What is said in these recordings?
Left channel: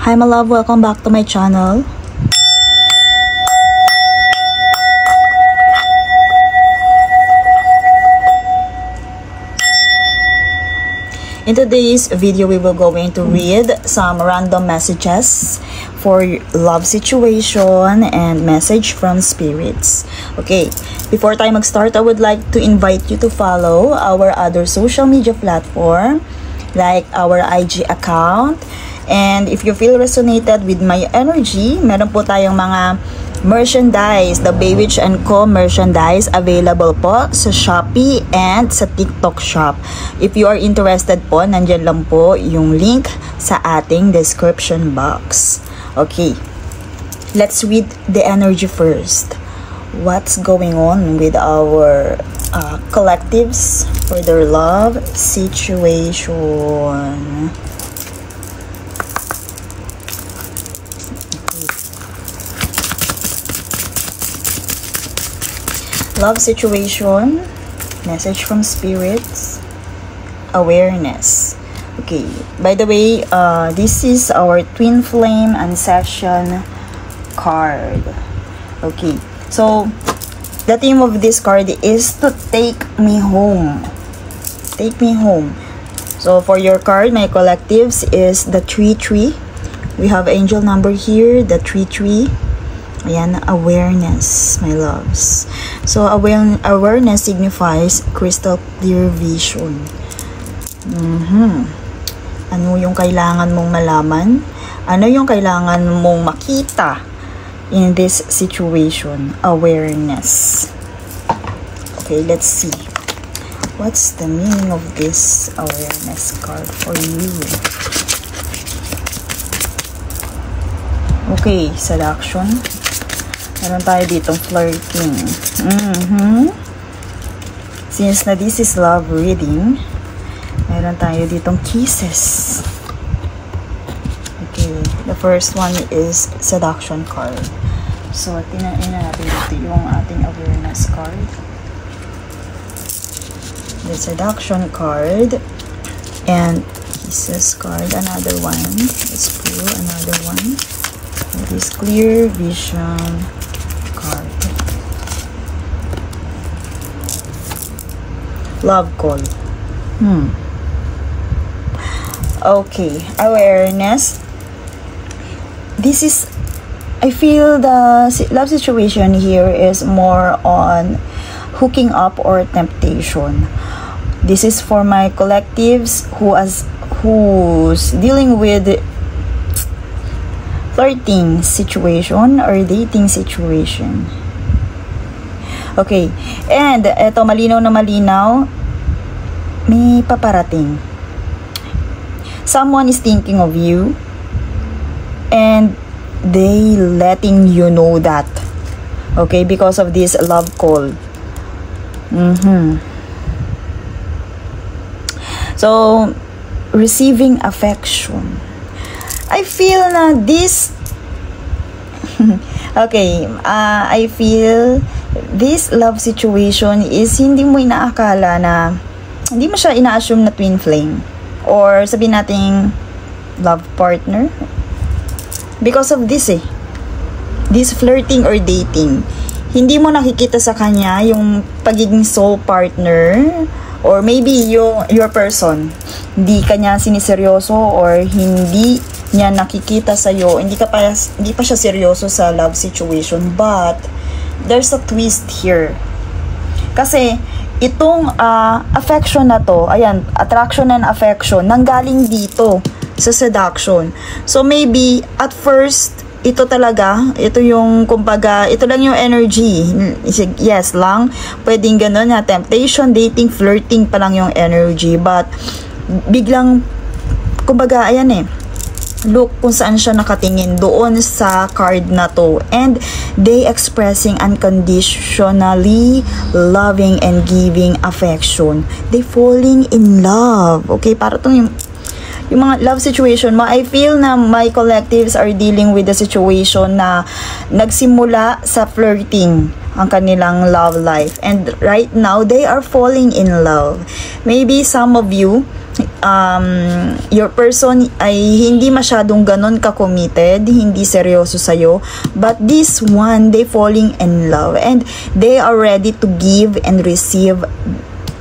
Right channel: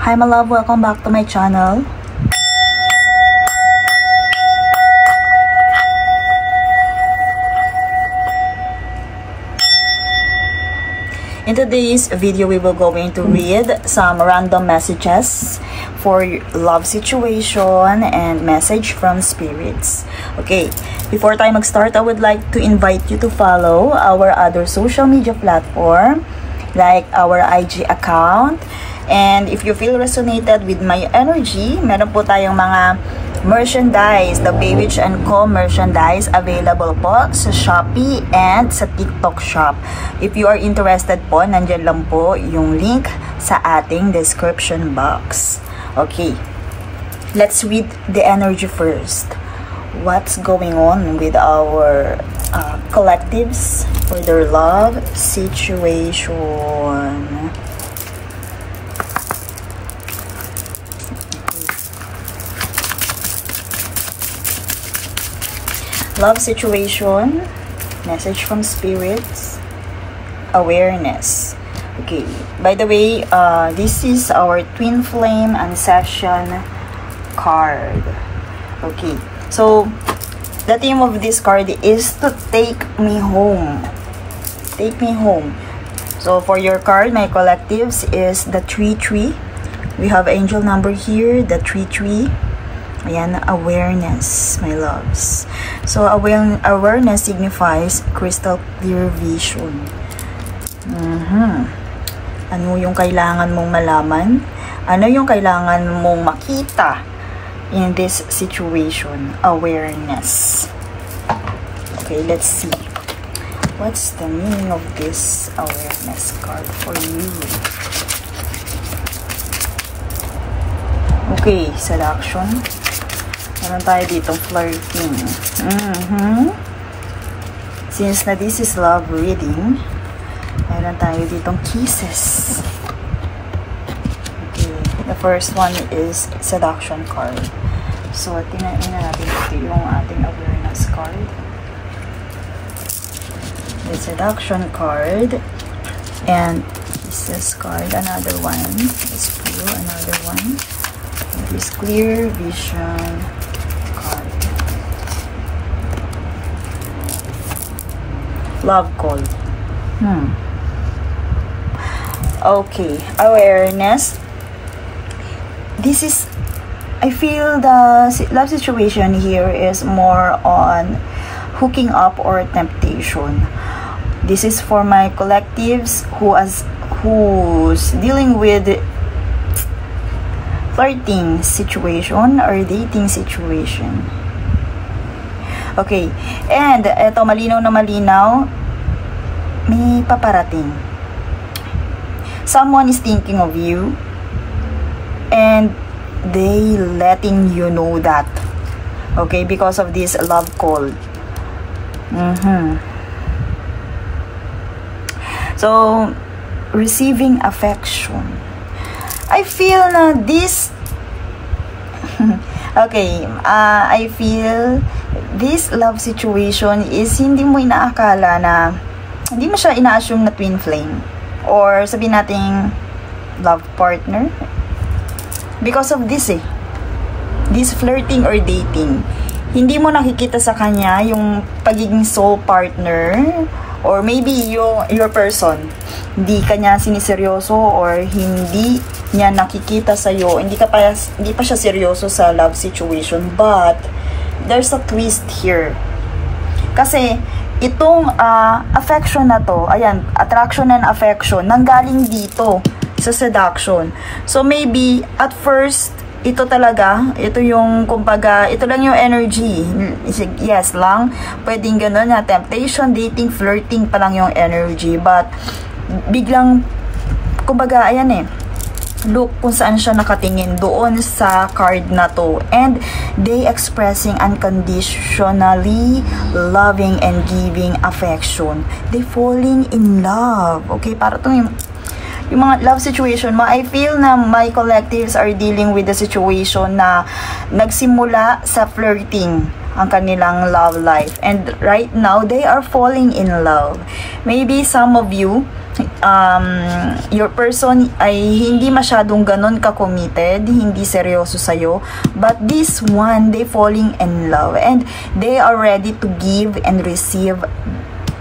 Hi my love, welcome back to my channel. In today's video, we will going to read some random messages for love situation and message from spirits. Okay, before tayo mag-start, I would like to invite you to follow our other social media platform like our IG account. And if you feel resonated with my energy, meron po tayong mga merchandise, the Baywitch & Co merchandise available po sa Shopee and sa TikTok shop. If you are interested po, nandyan lang po yung link sa ating description box. Okay, let's read the energy first. What's going on with our collectives for their love situation? Love situation, message from spirits, awareness. Okay, by the way, this is our twin flame ancestral card. Okay, so the theme of this card is to take me home. Take me home. So for your card, my collectives, is the 3-3. We have angel number here, the 3-3. Ayan, awareness, my loves. So, awareness signifies crystal clear vision. Ano yung kailangan mong malaman? Ano yung kailangan mong makita in this situation? Awareness. Okay, let's see. What's the meaning of this awareness card for you? Okay, selection. Meron tayo dito flirting. Since na this is love reading, meron tayo ditong kisses. Okay, the first one is seduction card. So, tinain na natin dito yung ating awareness card. The seduction card and kisses card. Another one. Let's pull another one. This clear vision card. Love call. Okay, awareness. This is, I feel the love situation here is more on hooking up or temptation. This is for my collectives who's dealing with flirting situation or dating situation. Okay, and eto, malinaw na malinaw, may paparating. Someone is thinking of you and they letting you know that. Okay, because of this love call. So, receiving affection. I feel na this okay, I feel this love situation is hindi mo inaakala na, hindi mo siya ina-assume na twin flame or sabihin nating love partner because of this this flirting or dating. Hindi mo nakikita sa kanya yung pagiging soul partner, or maybe your person hindi kanya siniseryoso or hindi niya nakikita sa'yo, hindi pa siya seryoso sa love situation, but there's a twist here. Kasi itong affection na to, ayan, attraction and affection, nanggaling dito sa seduction. So maybe at first, ito talaga, ito yung, kumbaga, ito lang yung energy. Yes lang, pwedeng ganun na, temptation, dating, flirting pa lang yung energy, but biglang, kumbaga, ayan look kung saan siya nakatingin doon sa card na to, and they expressing unconditionally loving and giving affection. They falling in love. Okay, para itong yung mga love situation mo. I feel na my collectives are dealing with the situation na nagsimula sa flirting ang kanilang love life, and right now they are falling in love. Maybe some of you your person ay hindi masyadong ganun ka-committed, hindi seryoso sa'yo, but this one, they falling in love and they are ready to give and receive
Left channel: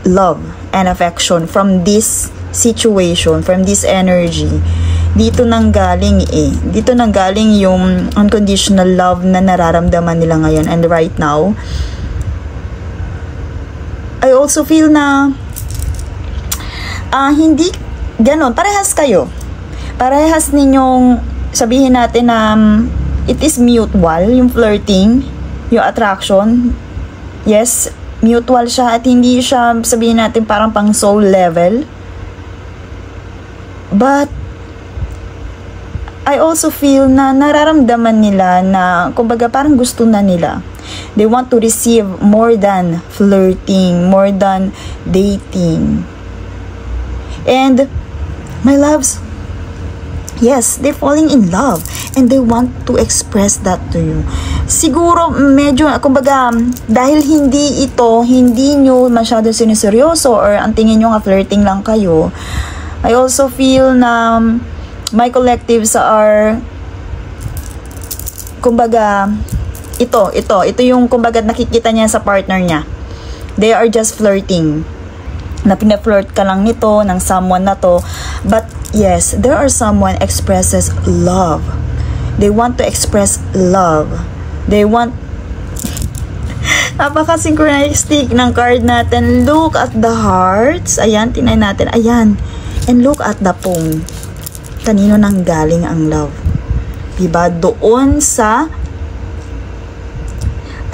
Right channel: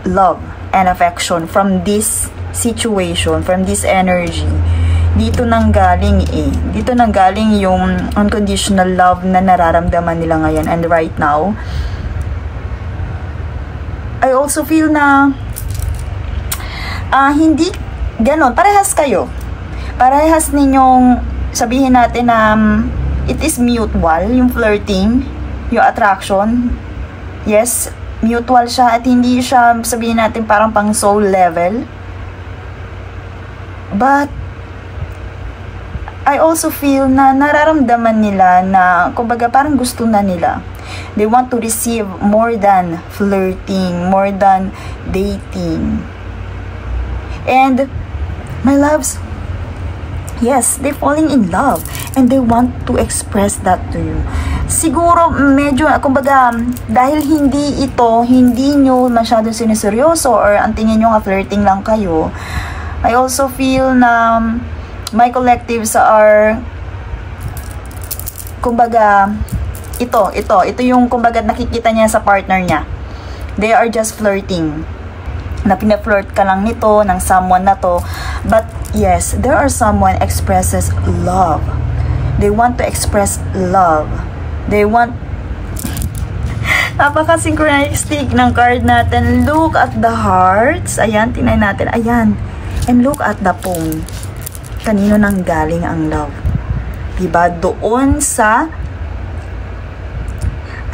love and affection from this situation, from this energy. Dito nang galing dito nang galing yung unconditional love na nararamdaman nila ngayon. And right now, I also feel na hindi ganon, parehas kayo. Parehas ninyong sabihin natin na it is mutual, yung flirting, yung attraction. Yes, mutual siya at hindi siya sabihin natin parang pang soul level. But I also feel na nararamdaman nila na kumbaga parang gusto na nila. They want to receive more than flirting, more than dating. And my loves, yes, they're falling in love and they want to express that to you. Siguro medyo kumbaga dahil hindi nyo masyado siniseryoso or ang tingin nyo nga flirting lang kayo, I also feel na my collectives are kumbaga ito yung kumbaga nakikita niya sa partner niya. They are just flirting. Na pina-flirt ka lang nito ng someone na to, but yes, there are someone expresses love. They want to express love. They want napaka-synchronistic ng card natin. Look at the hearts. Ayan, tinay natin. Ayan. And look at the phone. Kanino nang galing ang love? Diba? Doon sa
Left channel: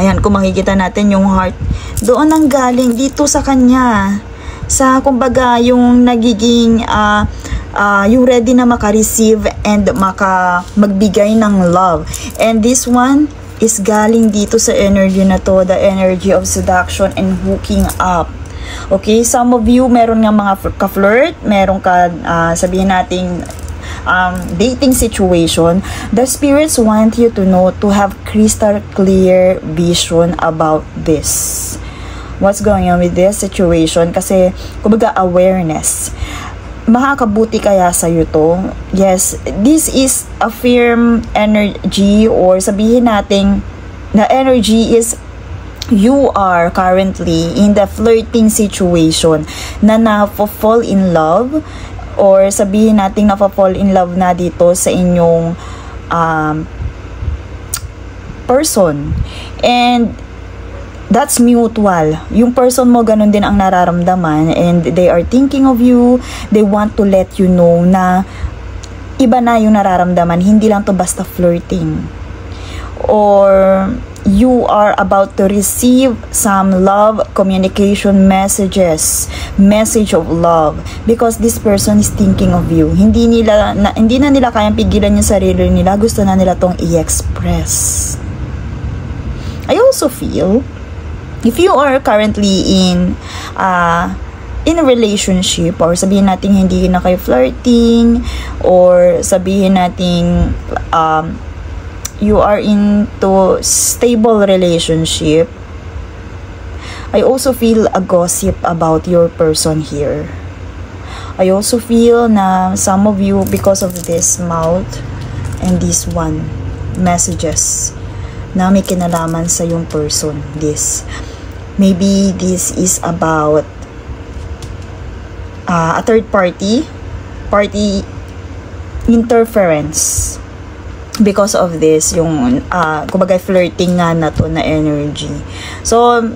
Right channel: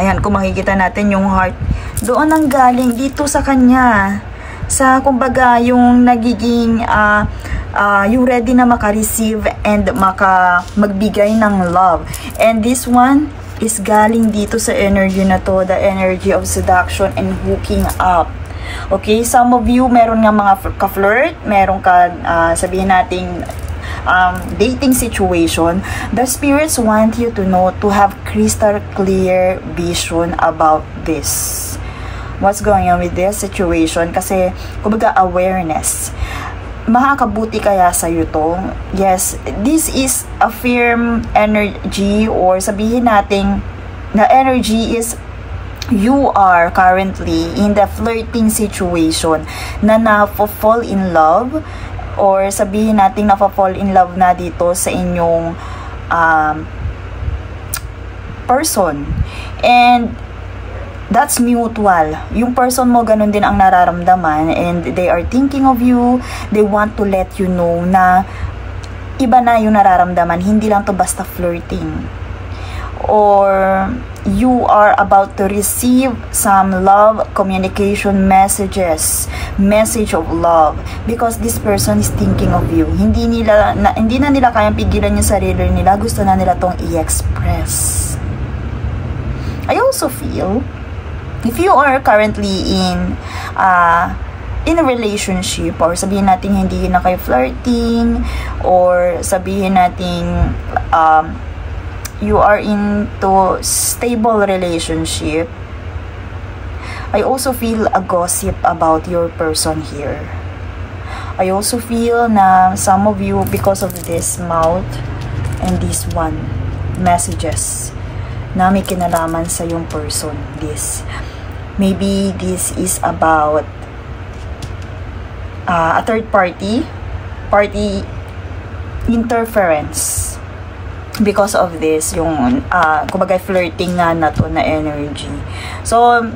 ayan, kung makikita natin yung heart, doon nang galing dito sa kanya. Sa kumbaga yung nagiging yung ready na maka-receive and magbigay ng love. And this one is galing dito sa energy na to, the energy of seduction and hooking up. Okay, some of you meron nga mga ka-flirt, meron ka sabihin nating dating situation. The spirits want you to know, to have crystal clear vision about this. What's going on with this situation? Kasi, kumbaga, awareness. Makakabuti kaya sa'yo to? Yes, this is a firm energy or sabihin natin na energy is you are currently in the flirting situation na na-fall in love or sabihin natin na-fall in love na dito sa inyong person. And that's mutual. Yung person mo, ganun din ang nararamdaman and they are thinking of you. They want to let you know na iba na yung nararamdaman. Hindi lang to basta flirting. Or you are about to receive some love communication messages. Message of love. Because this person is thinking of you. Hindi na nila kayang pigilan yung sarili nila. Gusto na nila tong i-express. I also feel if you are currently in a relationship or sabihin natin hindi na kayo flirting or sabihin natin you are into stable relationship, I also feel a gossip about your person here. I also feel na some of you, because of this mouth and this one messages na may kinalaman sa yung person, this maybe this is about a third party interference. Because of this, yung kumbaga flirting nga na to na energy. So,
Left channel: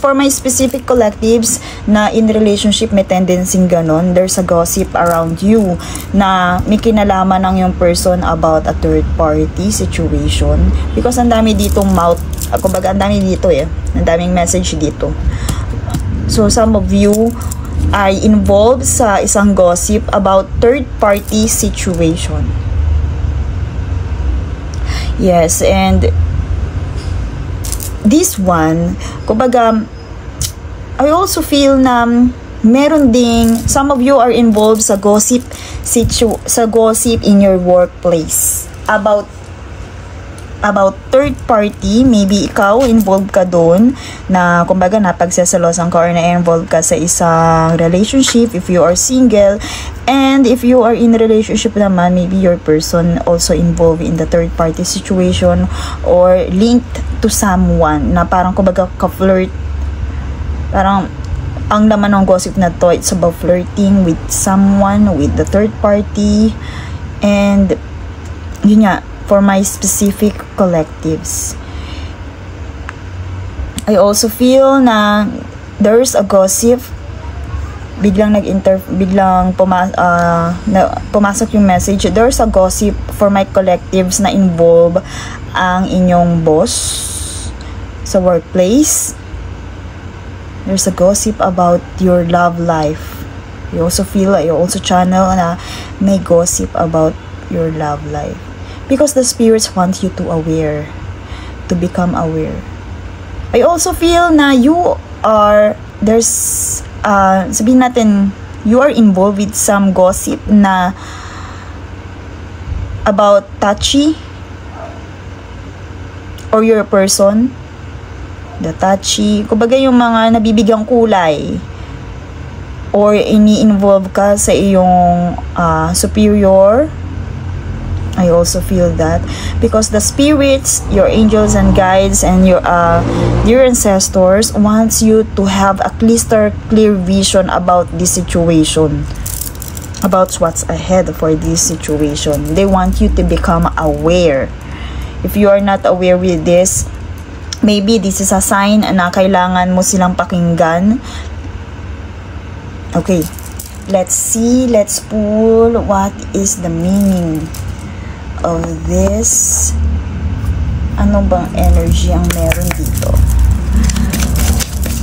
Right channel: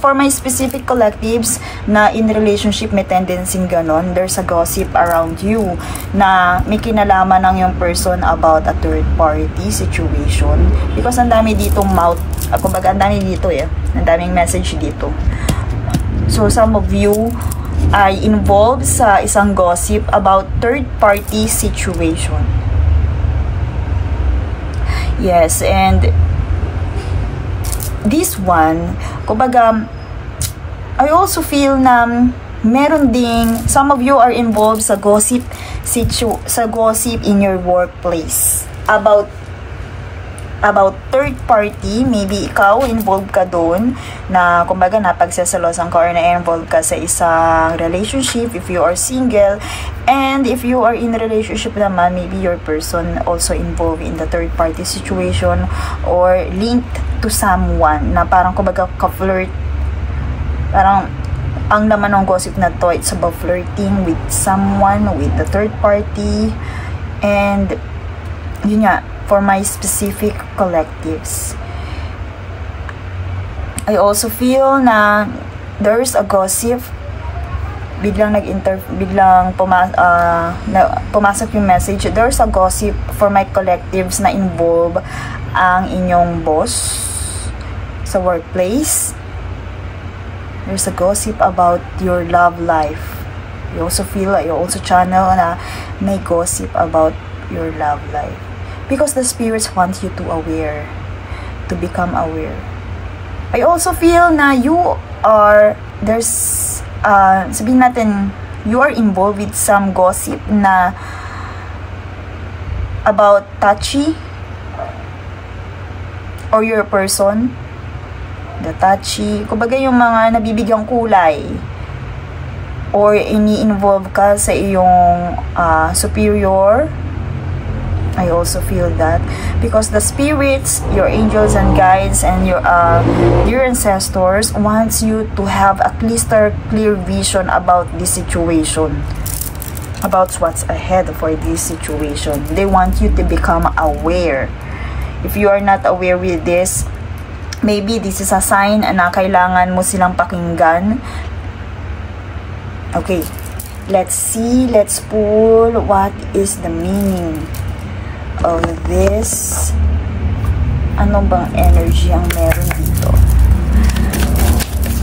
for my specific collectives na in relationship may tendency ganon, there's a gossip around you na may kinalaman ng yung person about a third party situation. Because ang dami ditong mouth, kumbaga ang dami dito ang daming message dito. So, some of you ay involved sa isang gossip about third party situation. Yes, and this one, kumbaga, I also feel na meron ding, some of you are involved sa gossip in your workplace about about third party. Maybe ikaw involved ka doon na kumbaga napagsasalosan ka or na-involved ka sa isang relationship if you are single. And if you are in a relationship naman, maybe your person also involved in the third party situation or linked to someone na parang kumbaga ka-flirt. Parang ang laman ng gossip na to, it's about flirting with someone, with the third party. And yun nga, for my specific collectives, I also feel na there's a gossip. Biglang pumasok yung message. There's a gossip for my collectives na involve ang inyong boss sa workplace. There's a gossip about your love life. You also channel na may gossip about your love life. Because the spirits want you to become aware. I also feel na sabihin natin, you are involved with some gossip na about touchy or your person, the touchy, kumbaga yung mga nabibigyang kulay or ini-involve ka sa iyong superior. I also feel that because the spirits, your angels and guides, and your ancestors wants you to have at least a clear vision about this situation, about what's ahead for this situation. They want you to become aware. If you are not aware with this, maybe this is a sign na kailangan mo silang pakinggan. Okay, let's see. Let's pull what is the meaning of this. Ano bang energy ang meron dito?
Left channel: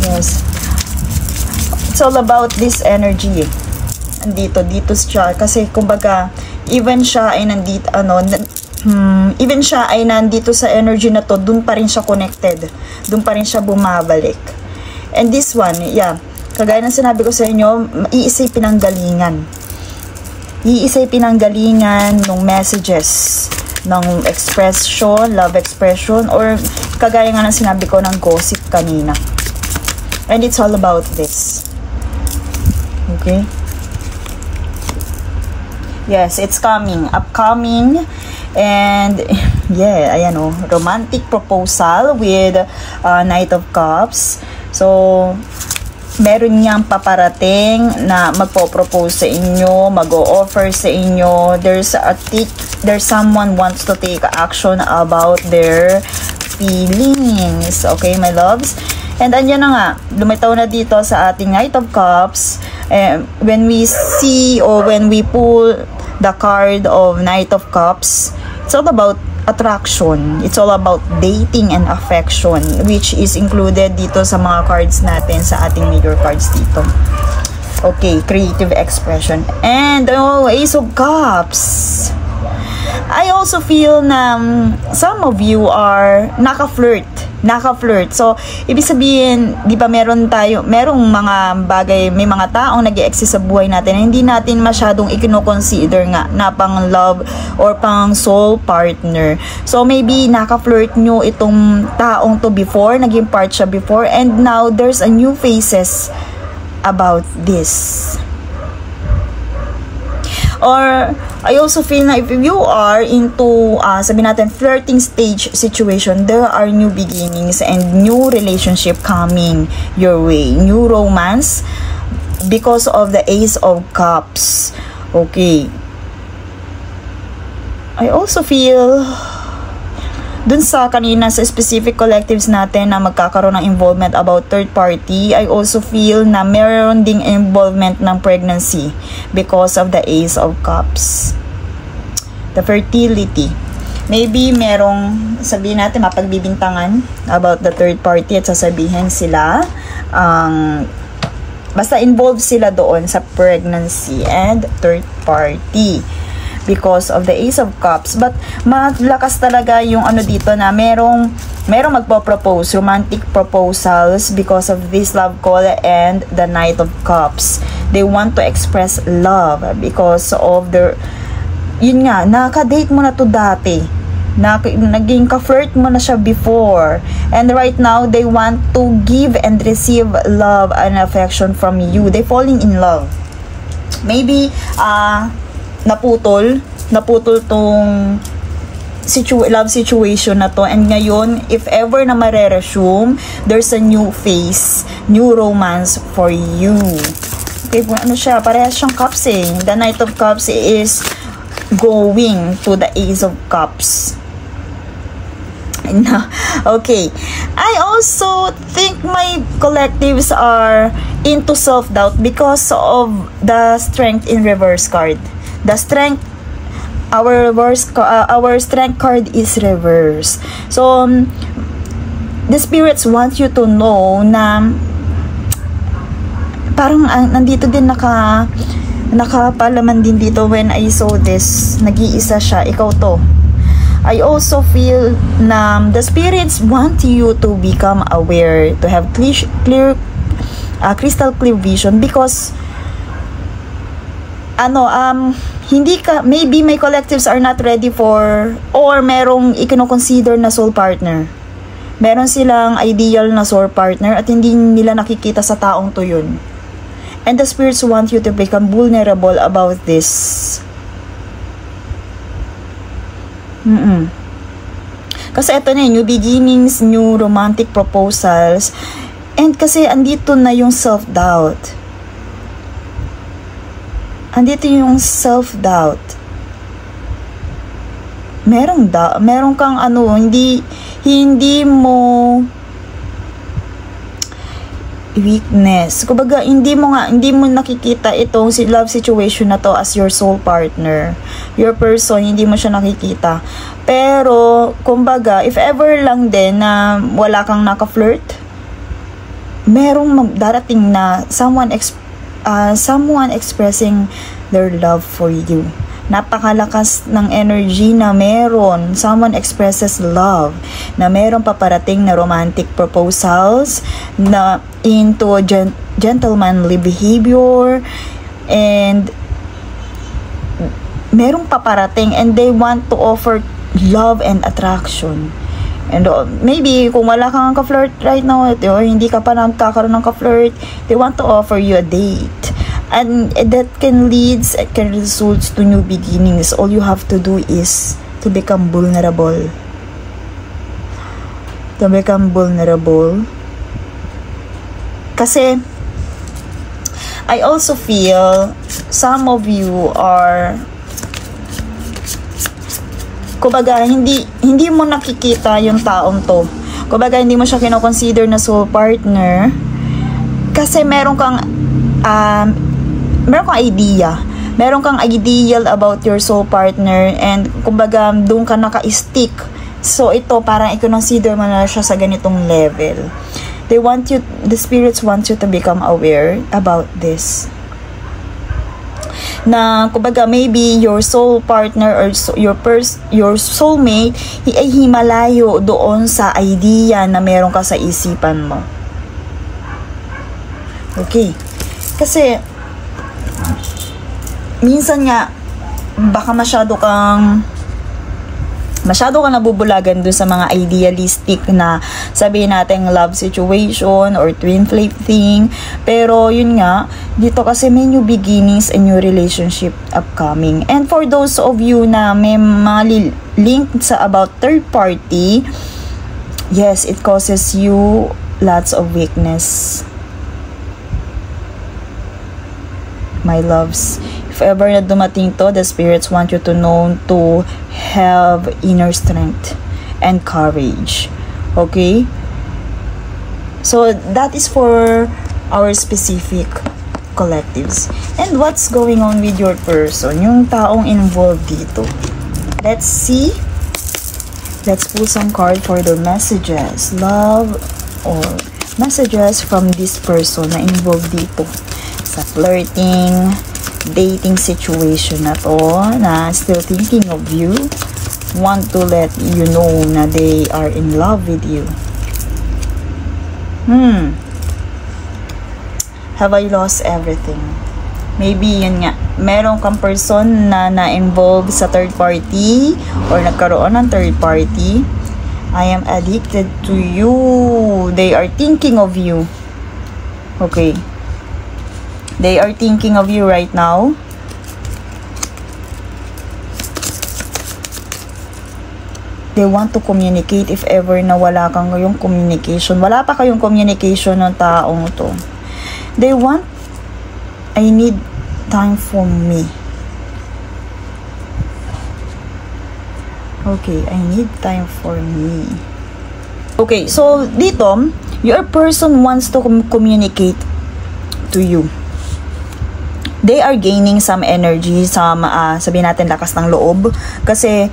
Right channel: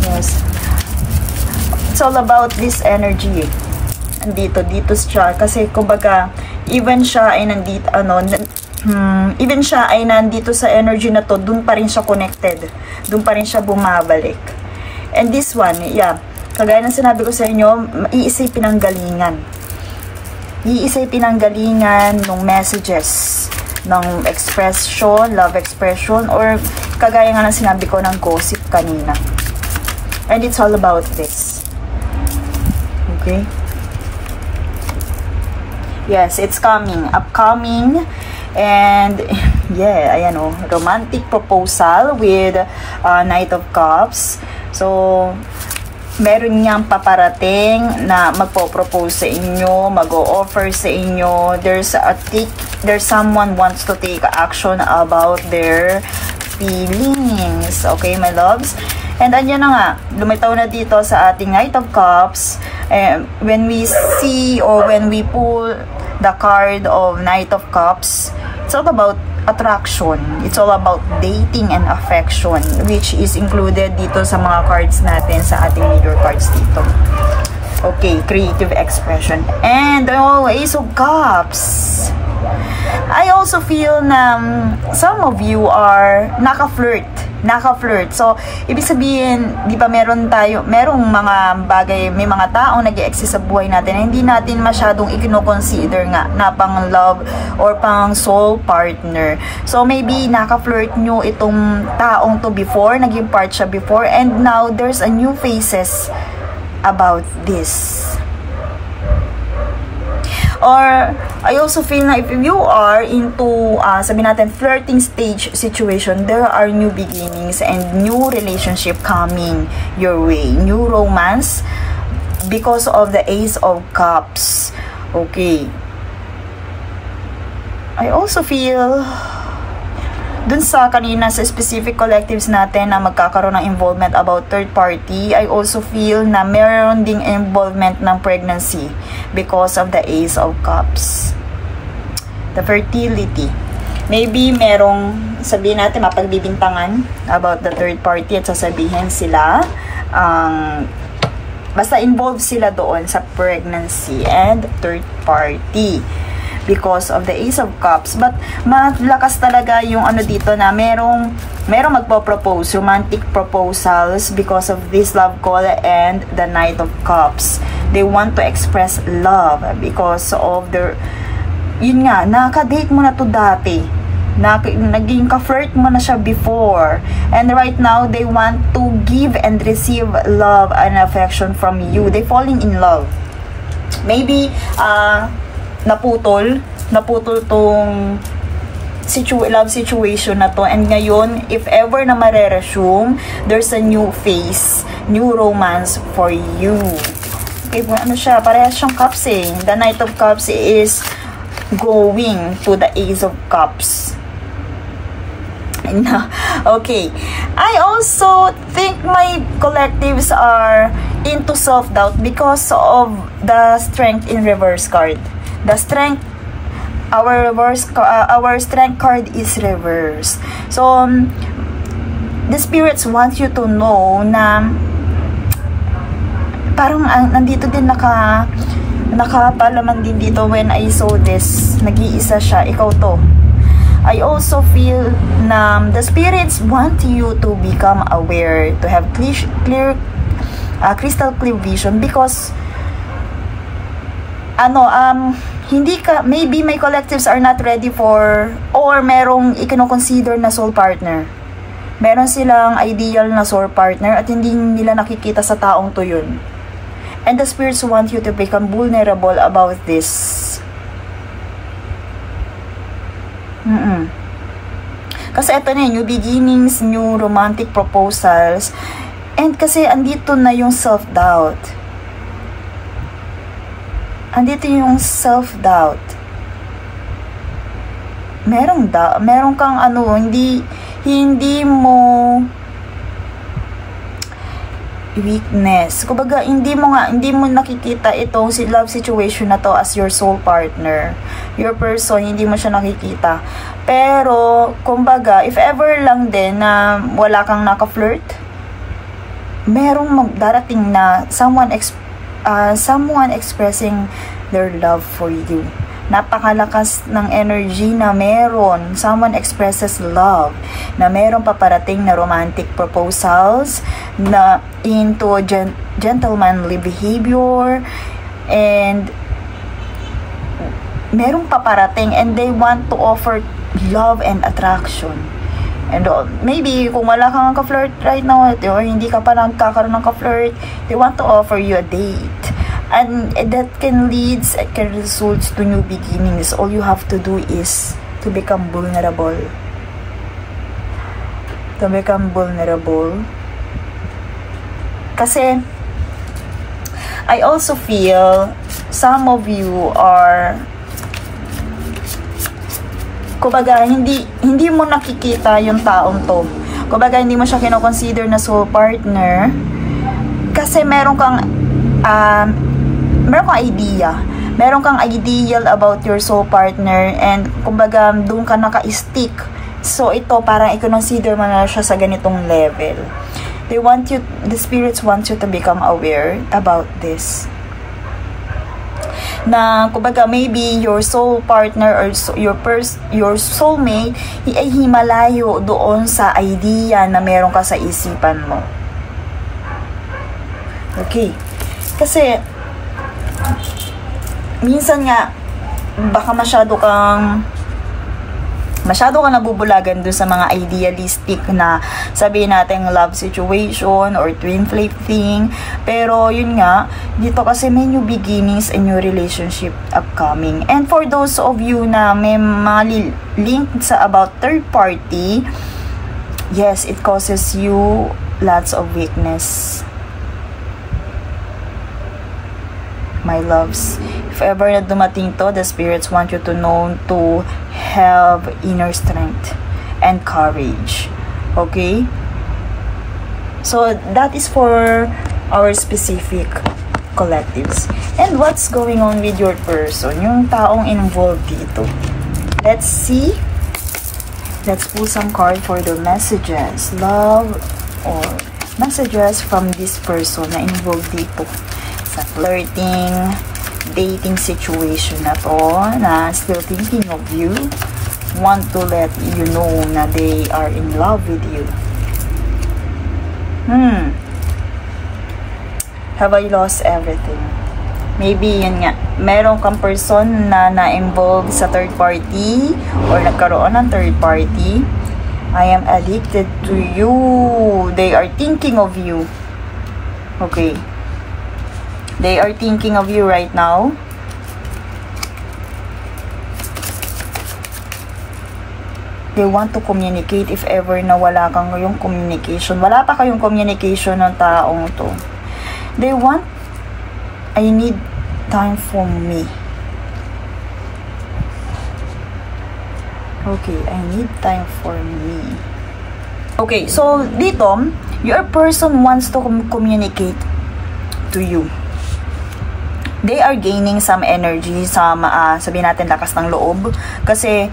Yes, it's all about this energy. Dito siya kasi kumbaga even siya ay nandito sa energy na to, dun pa rin siya connected, dun pa rin siya bumabalik. And this one, yeah, kagaya ng sinabi ko sa inyo, iisay pinanggalingan ng messages, ng expression, love expression, or kagaya nga ng sinabi ko ng gossip kanina. And it's all about this. Okay? Yes, it's upcoming. And yeah, ayan o, romantic proposal with Knight of Cups. So meron niyang paparating na magpo-propose sa inyo, mag-o-offer sa inyo. There's someone wants to take action about their feelings. Okay, my loves? And andyan na nga, lumitaw na dito sa ating Knight of Cups. When we see or when we pull the card of Knight of Cups, it's all about attraction. It's all about dating and affection, which is included dito sa mga cards natin, sa ating major cards dito. Okay, creative expression. And Ace of Cups. I also feel na some of you are naka-flirt. So, ibig sabihin, di ba merong mga bagay, may mga taong nag-e-exist sa buhay natin na hindi natin masyadong i-consider nga na pang love or pang soul partner. So, maybe naka-flirt nyo itong taong to before, naging part siya before, and now there's a new faces about this. Or, I also feel na if you are into, sabi natin, flirting stage situation, there are new beginnings and new relationship coming your way. New romance because of the Ace of Cups. Okay. I also feel dun sa kanina sa specific collectives natin na magkakaroon ng involvement about third party, I also feel na meron ding involvement ng pregnancy because of the Ace of Cups. The fertility. Maybe merong, sabihin natin, mapagbibintangan about the third party at sasabihin sila, basta involved sila doon sa pregnancy and third party because of the Ace of Cups. But malakas talaga yung ano dito na merong magpo-propose, romantic proposals because of this love call and the Knight of Cups. They want to express love because of their, yun nga, nakaka-date mo na to dati. naging ka-flirt mo na siya before, and right now they want to give and receive love and affection from you. They falling in love. Maybe naputol tong love situation na to, and ngayon if ever na mare-resume, there's a new phase, new romance for you. Okay, ano siya, parehas siyang cups eh. The Knight of Cups is going to the Ace of Cups. Okay, I also think my collectives are into self-doubt because of the Strength in reverse card. The Strength, our Strength card is reverse. So the spirits want you to know na parang nandito din nakapalaman din dito when I saw this. Nag-iisa siya, ikaw to. I also feel na the spirits want you to become aware, to have clear crystal clear vision, because hindi ka, maybe my collectives are not ready for, or merong ikino-consider na soul partner. Meron silang ideal na soul partner at hindi nila nakikita sa taong to yun. And the spirits want you to become vulnerable about this. Kasi ito na, new beginnings, new romantic proposals, and kasi andito na yung self-doubt. Andito yung self-doubt. Meron kang hindi mo weakness. Kumbaga, hindi mo nakikita itong love situation na to as your soul partner. Your person, hindi mo siya nakikita. Pero, kumbaga, if ever lang din na wala kang naka-flirt, merong darating na someone expressing their love for you. Napakalakas ng energy na meron. Someone expresses love. Na meron paparating na romantic proposals na into gentlemanly behavior, and merong paparating, and they want to offer love and attraction. And maybe kung wala kang ka-flirt right now, or hindi ka pa nakakaroon ng ka-flirt, they want to offer you a date. And that can result to new beginnings. All you have to do is to become vulnerable. To become vulnerable. Kasi I also feel some of you are, kumbaga, hindi mo nakikita yung taong to. Kumbaga, hindi mo siya kino-consider na soul partner kasi meron kang idea. Meron kang ideal about your soul partner, and kumbaga, doon ka naka-stick. So, ito, parang i-consider mo na siya sa ganitong level. The spirits want you to become aware about this. Na, kumbaga, maybe your soul partner or your soulmate ay himalayo doon sa idea na meron ka sa isipan mo. Okay. Kasi, minsan nga, baka masyado kang nabubulagan dun sa mga idealistic na sabihin natin love situation or twin flame thing. Pero yun nga, dito kasi may new beginnings and new relationship upcoming. And for those of you na may mga link sa about third party, yes, it causes you lots of weakness. My loves, if ever na dumating to, the spirits want you to know to have inner strength and courage. Okay? So, that is for our specific collectives. And what's going on with your person? Yung taong involved dito. Let's see. Let's pull some card for the messages. Love or messages from this person na involved dito. Sa flirting, dating situation na to, na still thinking of you, want to let you know na they are in love with you. Have I lost everything? Maybe yun nga, meron kang person na na-involve sa third party or nagkaroon ng third party. I am addicted to you. They are thinking of you. Okay. They are thinking of you right now. They want to communicate if ever na wala kang yung communication. Wala pa kayong communication ng taong to. They want, I need time for me. Okay, I need time for me. Okay, so dito, your person wants to communicate to you. They are gaining some energy, some, sabihin natin, lakas ng loob. Kasi,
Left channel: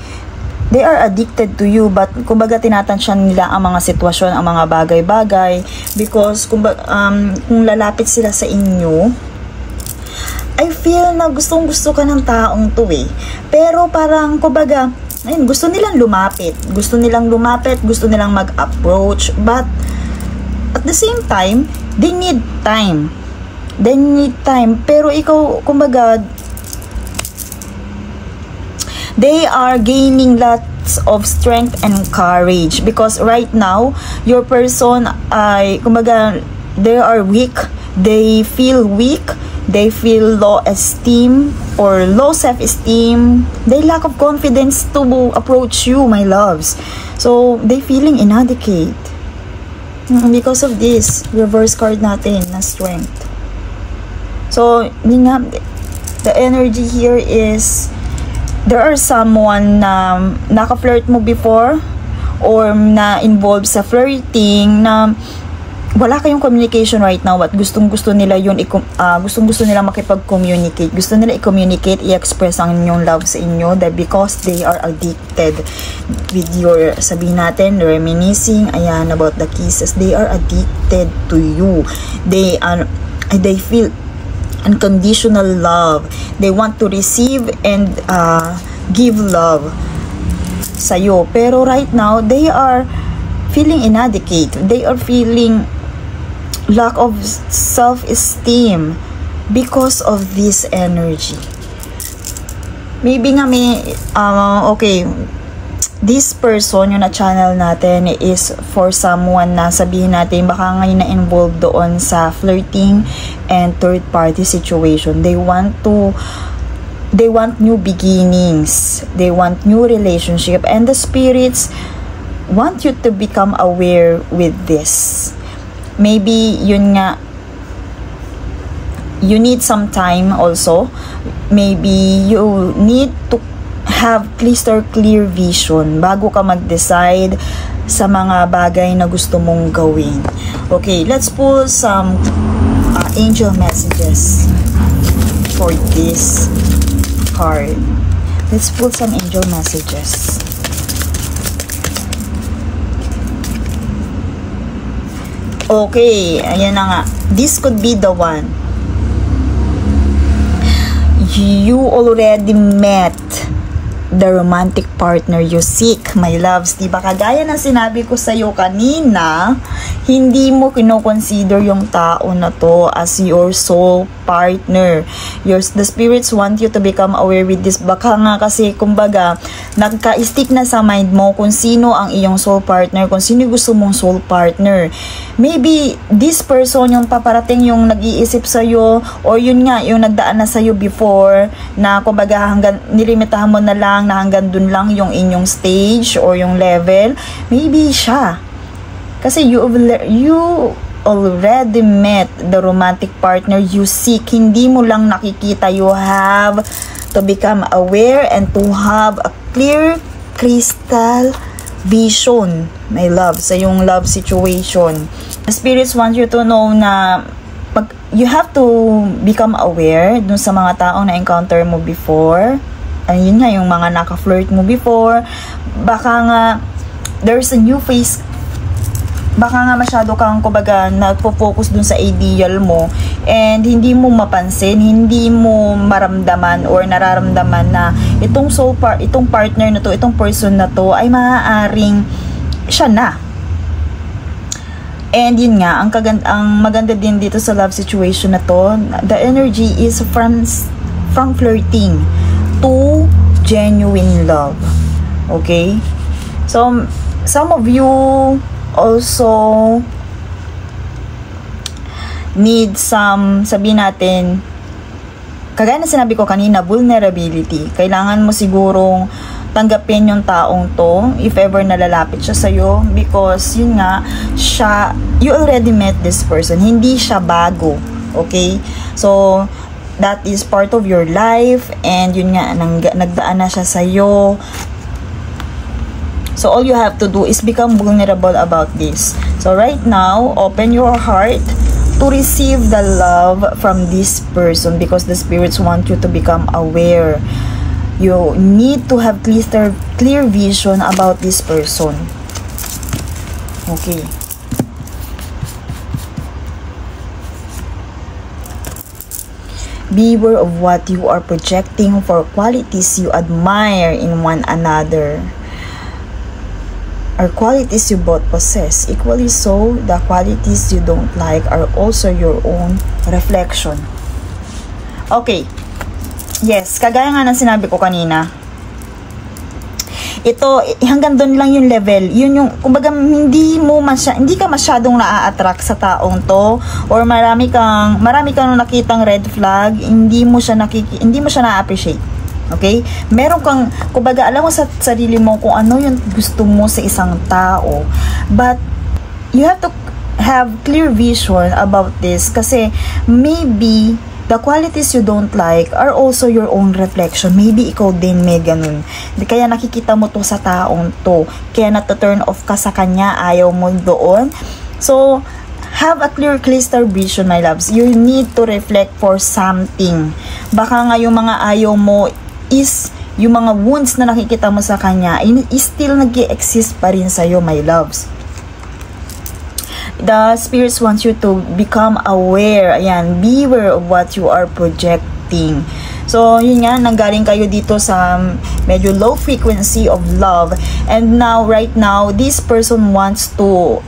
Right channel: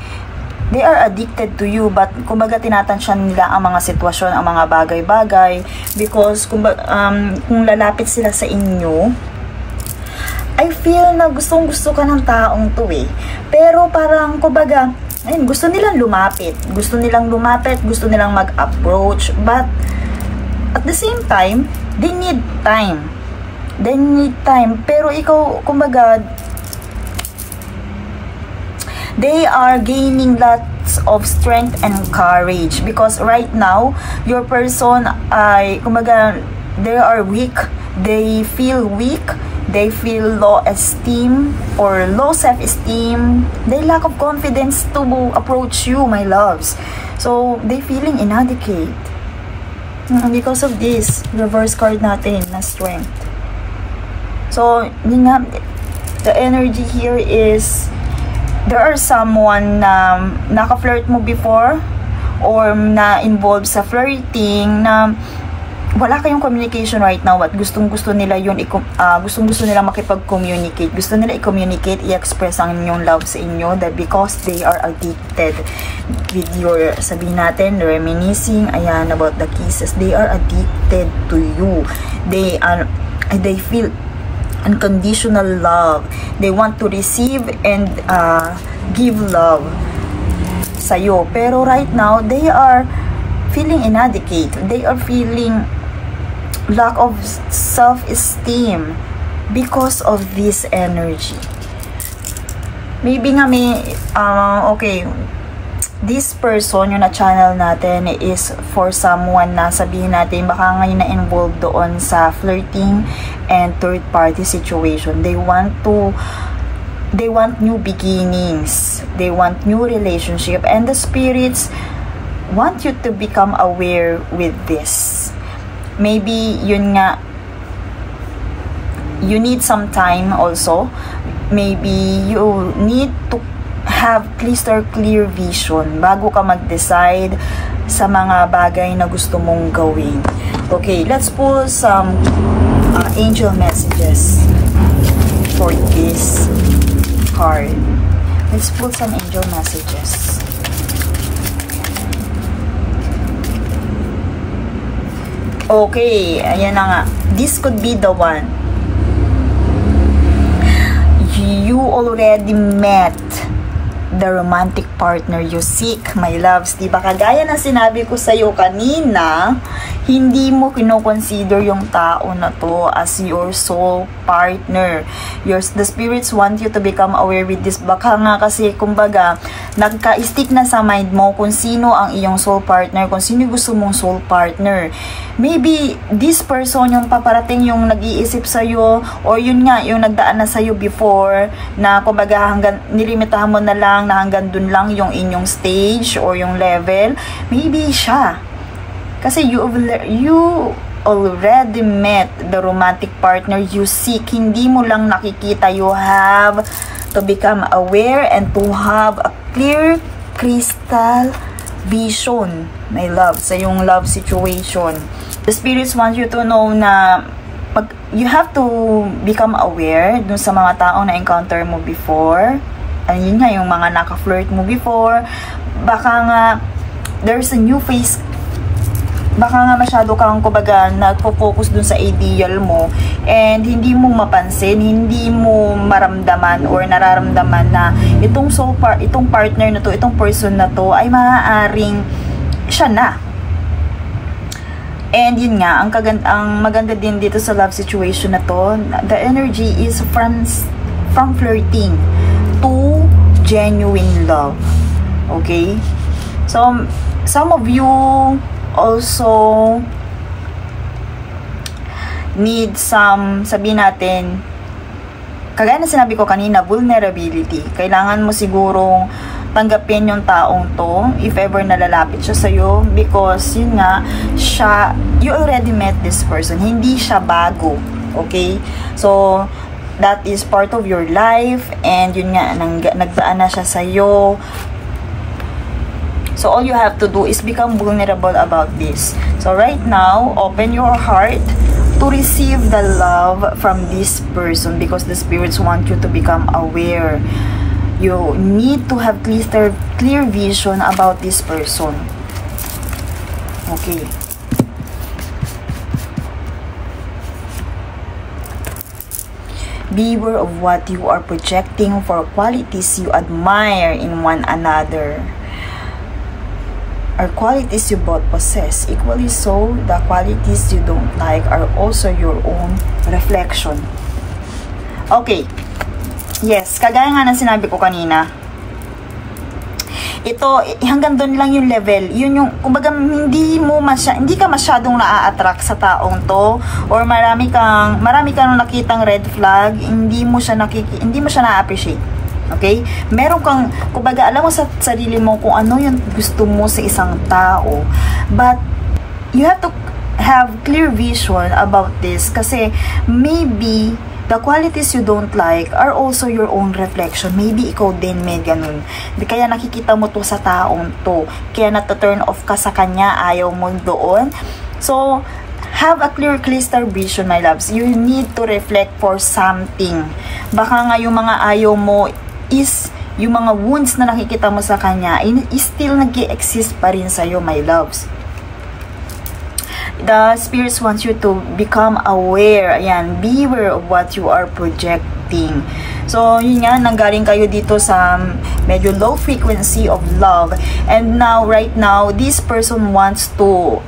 they are addicted to you, but kumbaga tinatansyan nila ang mga sitwasyon, ang mga bagay-bagay. Because, kung lalapit sila sa inyo, I feel na gustong-gusto ka ng taong to eh. Pero parang, kumbaga, ayun, gusto nilang lumapit. Gusto nilang mag-approach. But, at the same time, they need time. They need time. Pero ikaw, kumbaga, they are gaining lots of strength and courage. Because right now, your person ay, kumbaga, they are weak. They feel weak. They feel low esteem or low self-esteem. They lack of confidence to approach you, my loves. So, they feeling inadequate. And because of this, reverse card natin na strength. So, yun nga, the energy here is, there are someone na naka-flirt mo before or na-involved sa flirting na wala kayong communication right now at gustong-gusto nila yun, gustong-gusto nila makipag-communicate. Gusto nila i-communicate, i-express ang inyong love sa inyo because they are addicted with your, sabihin natin, reminiscing, ayan, about the kisses. They are addicted to you. They feel unconditional love. They want to receive and give love sa'yo. Pero right now, they are feeling inadequate. They are feeling lack of self-esteem because of this energy. Maybe nga may, okay, this person, yung na-channel natin is for someone na sabihin natin, baka ngayon na-involved doon sa flirting and third-party situation. They want new beginnings. They want new relationship. And the spirits want you to become aware with this. Maybe yun nga, you need some time also. Maybe you need to have clear vision bago ka mag-decide sa mga bagay na gusto mong gawin. Okay, let's pull some angel messages for this card. Let's pull some angel messages. Okay, ayan na nga. This could be the one. You already met the romantic partner you seek, my loves. Diba, kagaya na sinabi ko sa'yo kanina, hindi mo kinoconsider yung tao na to as your soul partner. The spirits want you to become aware with this. Baka nga kasi, kumbaga, nagka-stick na sa mind mo kung sino ang iyong soul partner, kung sino gusto mong soul partner. Maybe, this person yung paparating yung nag-iisip sa'yo, or yun nga, yung nagdaan na sa'yo before, na kumbaga hanggang nilimitahan mo na lang, na hanggang dun lang yung inyong stage or yung level. Maybe siya. Kasi you already met the romantic partner you seek. Hindi mo lang nakikita. You have to become aware and to have a clear crystal vision, my love, sa yung love situation. The spirits want you to know na you have to become aware dun sa mga taong na-encounter mo before. Ayun nga, yung mga naka-flirt mo before. Baka nga, there's a new face. Baka nga masyado kang, kumbaga, nagpo-focus dun sa ideal mo. And hindi mo mapansin, hindi mo maramdaman or nararamdaman na itong partner na to, itong person na to, ay maaaring siya na. And yun nga, ang maganda din dito sa love situation na to, the energy is from flirting to genuine love. Okay? So, some of you also need some, sabihin natin, kagaya na sinabi ko kanina, vulnerability. Kailangan mo sigurong tanggapin yung taong to if ever nalalapit siya sa'yo, because yun nga, you already met this person, hindi siya bago. Okay? So, that is part of your life, and yun nga, nagdaan na siya sa'yo. So, all you have to do is become vulnerable about this. So, right now, open your heart to receive the love from this person, because the spirits want you to become aware. You need to have clear vision about this person. Okay. Beware of what you are projecting for qualities you admire in one another, or qualities you both possess. Equally so, the qualities you don't like are also your own reflection. Okay. Yes, kagaya nga ng sinabi ko kanina, ito, hanggang doon lang yung level. Yun yung, kumbaga, hindi ka masyadong naa-attract sa taong to, or marami kang nakitang red flag, hindi mo siya na-appreciate. Okay? Meron kang, kumbaga, alam mo sa sarili mo kung ano yung gusto mo sa isang tao, but you have to have clear vision about this, kasi maybe the qualities you don't like are also your own reflection. Maybe ikaw din may ganun. Kaya nakikita mo to sa taong to. Kaya nata-turn off ka sa kanya, ayaw mo doon. So, have a clear crystal vision, my loves. You need to reflect for something. Baka nga yung mga ayaw mo is yung mga wounds na nakikita mo sa kanya is still nag-exist pa rin sa'yo, my loves. The spirits want you to become aware. Ayan, beware of what you are projecting. So, yun nga, nanggaling kayo dito sa medyo low frequency of love. And now, right now, this person wants to,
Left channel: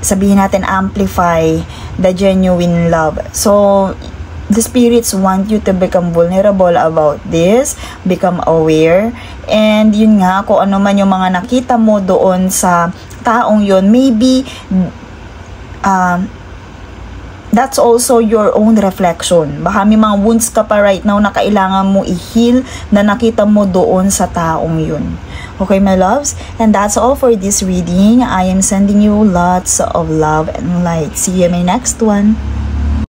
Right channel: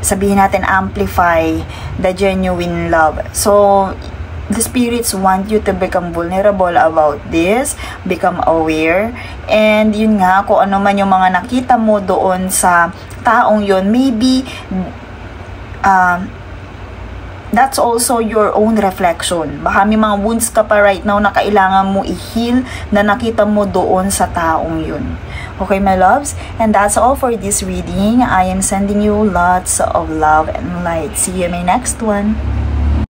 sabihin natin, amplify the genuine love. So, the spirits want you to become vulnerable about this, become aware, and yun nga, kung ano man yung mga nakita mo doon sa taong yun, maybe that's also your own reflection. Baka may mga wounds ka pa right now na kailangan mo i-heal na nakita mo doon sa taong yun. Okay, my loves? And that's all for this reading. I am sending you lots of love and light. See you in my next one.